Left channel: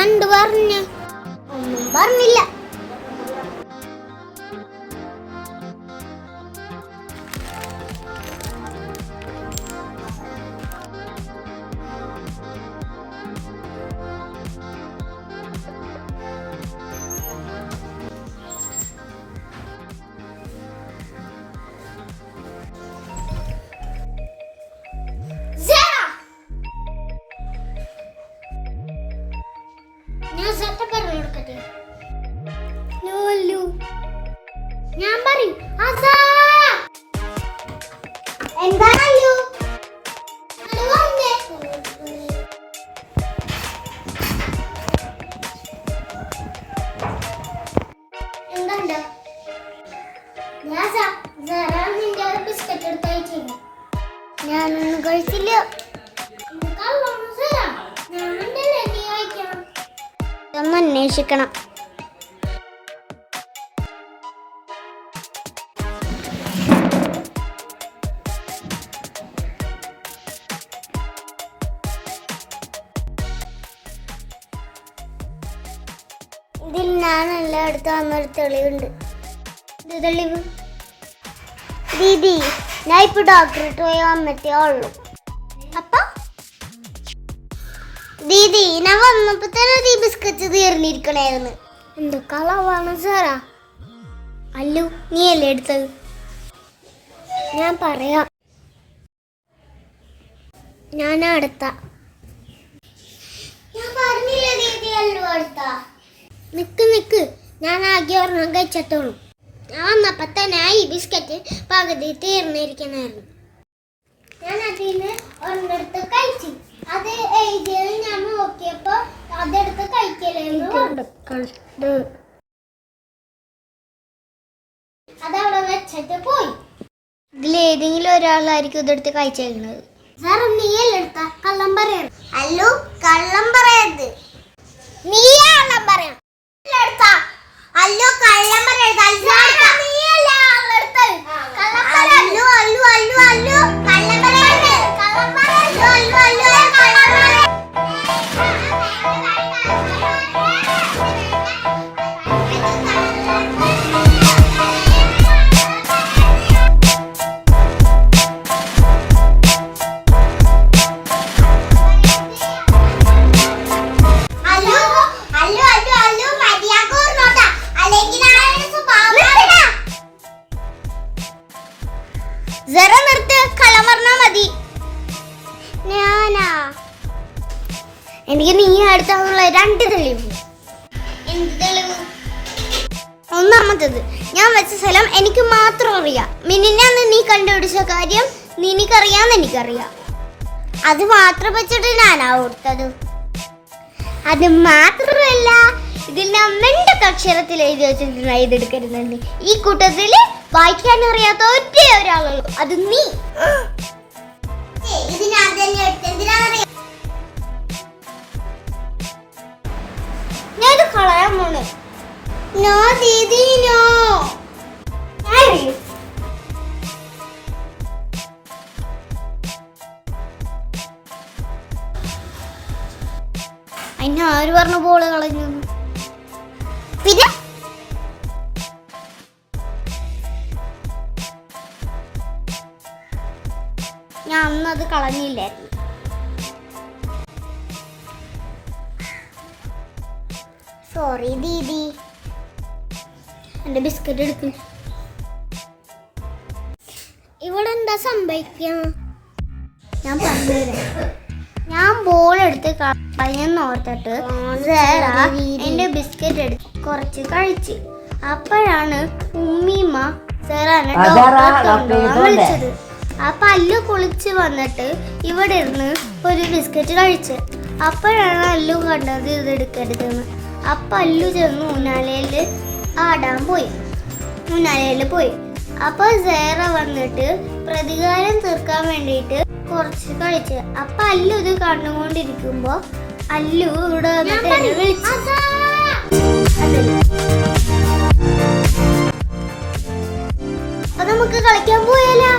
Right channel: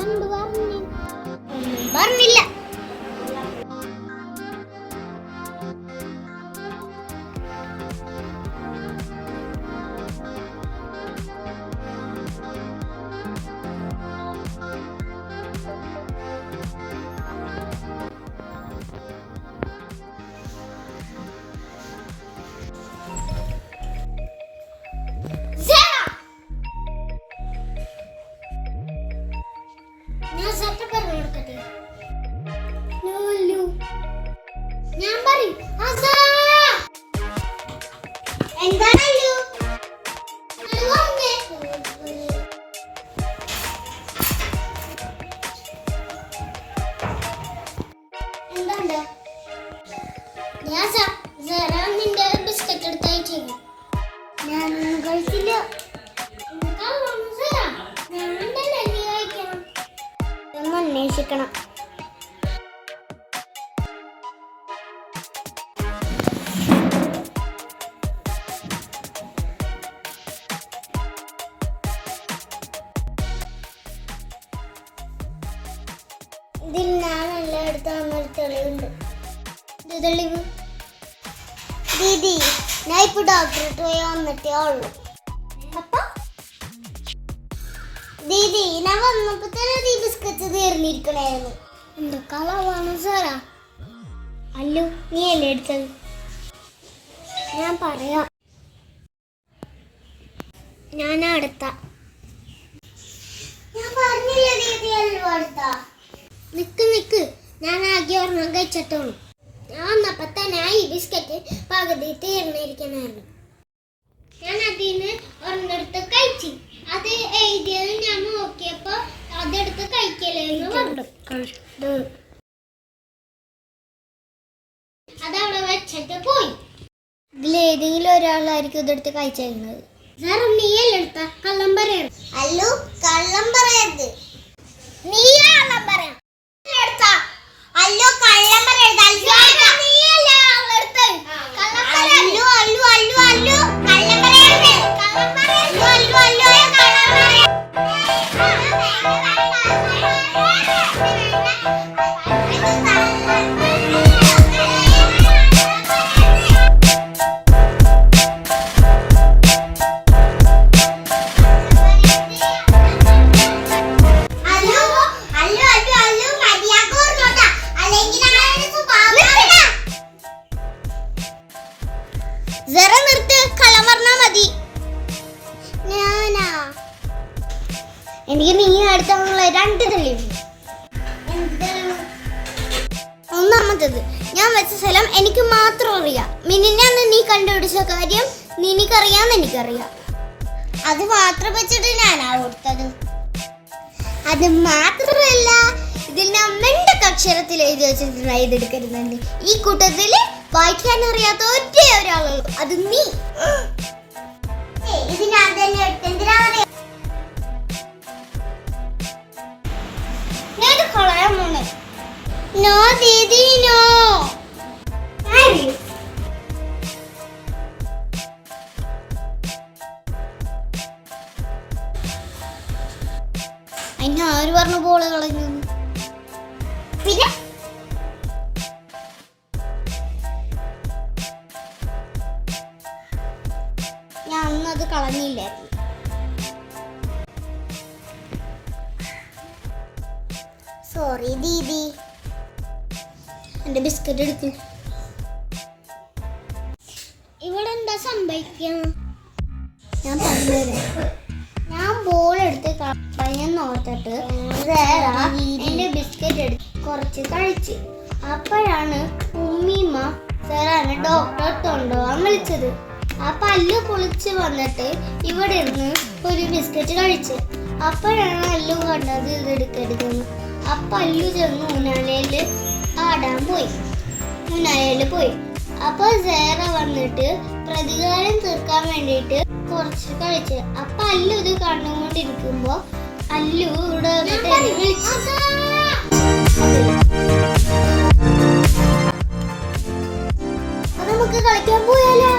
രണ്ട് പറഞ്ഞു, ഒന്നും പറഞ്ഞില്ല. ഞാൻ സത്യം പറഞ്ഞു കൊടുക്കട്ടെ? ഞാൻ പറയും എന്താണല്ലോ എന്താണ്ട് നിന്റെ ബിസ്ക്കറ്റ് എടുത്തയച്ചു. ഞാനൊന്നും കഴിച്ചില്ല. അന്വേഷിക്കണം. ഇതിൽ ഞാൻ എല്ലായിടത്തും വന്നൊരു തെളിവുണ്ട്. ഇത് തെളിവ് ദീദി, ഞാൻ ഇപ്പൊ ഡോക്ടറെടുത്ത് പോയി വന്നിട്ടേ ഉള്ളൂ. അപ്പൊ ദീദി, ഞാൻ വന്നപ്പോ തന്നെ ഈ ബിസ്ക്കറ്റ് തീർന്നിരിക്കണായിരുന്നു. എന്ത് കളവാണ് സാറാ? അല്ലു, നീ അല്ലേ എടുത്തത്? ഞാൻ പറയാം, ഞാൻ അടുത്ത. നിക്ക്, ഞാൻ ആകെ ഒരെണ്ണം കഴിച്ചിട്ടുള്ളൂ. ഞാൻ വന്നപ്പോ തന്നെ ഈ ബിസ്ക്കറ്റ് പകുതി തീർന്നിരിക്കണായിരുന്നു. ഞാൻ അതിന് ഒരെണ്ണെടുത്ത് കഴിച്ചു. അത് എഴുതിയത് ഞാൻ നോക്കിയപ്പോ അതെടുത്ത് കഴിക്കലെന്ന് പറഞ്ഞു. അതവിടെ വെച്ചിട്ട് പോയി. ഇതിലേതെങ്കിലും ഒരാളായിരിക്കും ഇതെടുത്ത് കഴിച്ചേക്കുന്നത്. സാർ, നീയല്ലേ എടുത്ത? കള്ളം പറയരുത്. അല്ലു, കള്ളം പറയരുത്. നീയാ കള്ളം പറയാം. അല്ലു, കള്ളം പറയരുത്. നീയല്ലേ ആളെടുത്തത്? അല്ലു അല്ലു അല്ലു അല്ലു കള്ളം പറയരുത്. കള്ളം പറയരുത്. അല്ലു അല്ലു എനിക്ക് നീ അടുത്തുള്ള രണ്ട് തെളിവ്. ഒന്നാമത്തത്, ഞാൻ വെച്ച സ്ഥലം എനിക്ക് മാത്രം അറിയാം. മിനിഞ്ഞാന്ന് നീ കണ്ടുപിടിച്ച കാര്യം നിനക്കറിയാന്ന് എനിക്കറിയാം. അത് മാത്രം വെച്ചിട്ട് ഞാനാ ഓർത്തത്. അത് മാത്രമല്ല, ഇതിൽ ഞാൻ അക്ഷരത്തിൽ എഴുതി വെച്ചിട്ടുണ്ട് ഇതെടുക്കരുതെന്ന്. ഈ കൂട്ടത്തിൽ വായിക്കാൻ അറിയാത്ത ഒറ്റ ഒരാളുള്ളൂ, അത് നീ. ഞാനത് കളയാൻ പോണേ. നോ ദീദി, നോ. അതിന് ആര് പറഞ്ഞു ബോള് കളഞ്ഞു? പിന്നെ ഞാൻ അന്നത് കളഞ്ഞില്ലായിരുന്നു. സോറി ദീദി. എന്റെ ബിസ്ക്കറ്റ് എടുക്ക്. ഇവിടെ എന്താ സംഭവിക്കുക? ഞാൻ പറഞ്ഞുതരാം. ഞാൻ ബോൾ എടുത്ത് കളഞ്ഞെന്ന് ഓർത്തിട്ട് എന്റെ ബിസ്ക്കറ്റ് എടുത്ത് കുറച്ച് കഴിച്ച്. അപ്പോഴാണ് ഉമ്മീമ്മ സാറാണ് ഡോക്ടറെ കൊണ്ടുപോകാൻ വിളിച്ചത്. ആ പല്ലു കുളിച്ച് വന്നിട്ട് ഇവിടെ ഇരുന്ന് ഒരു ബിസ്ക്കറ്റ് കഴിച്ച്. അപ്പോഴാണ് അല്ലു കണ്ടത് ഇത് എടുക്കരുതെന്ന്. അപ്പൊ അല്ലു ചെന്ന് ഊനാലയില് ആടാൻ പോയി. ഊനാലയില് പോയി. അപ്പൊ സേറ വന്നിട്ട് പ്രതികാരം തീർക്കാൻ വേണ്ടിയിട്ട് കുറച്ച് കഴിച്ച്. അപ്പൊ അല്ലു ഇത് കണ്ടുകൊണ്ടിരിക്കുമ്പോ അല്ലു ഇവിടെ വിളിച്ചു. അപ്പൊ നമുക്ക് കളിക്കാൻ പോയാലോ?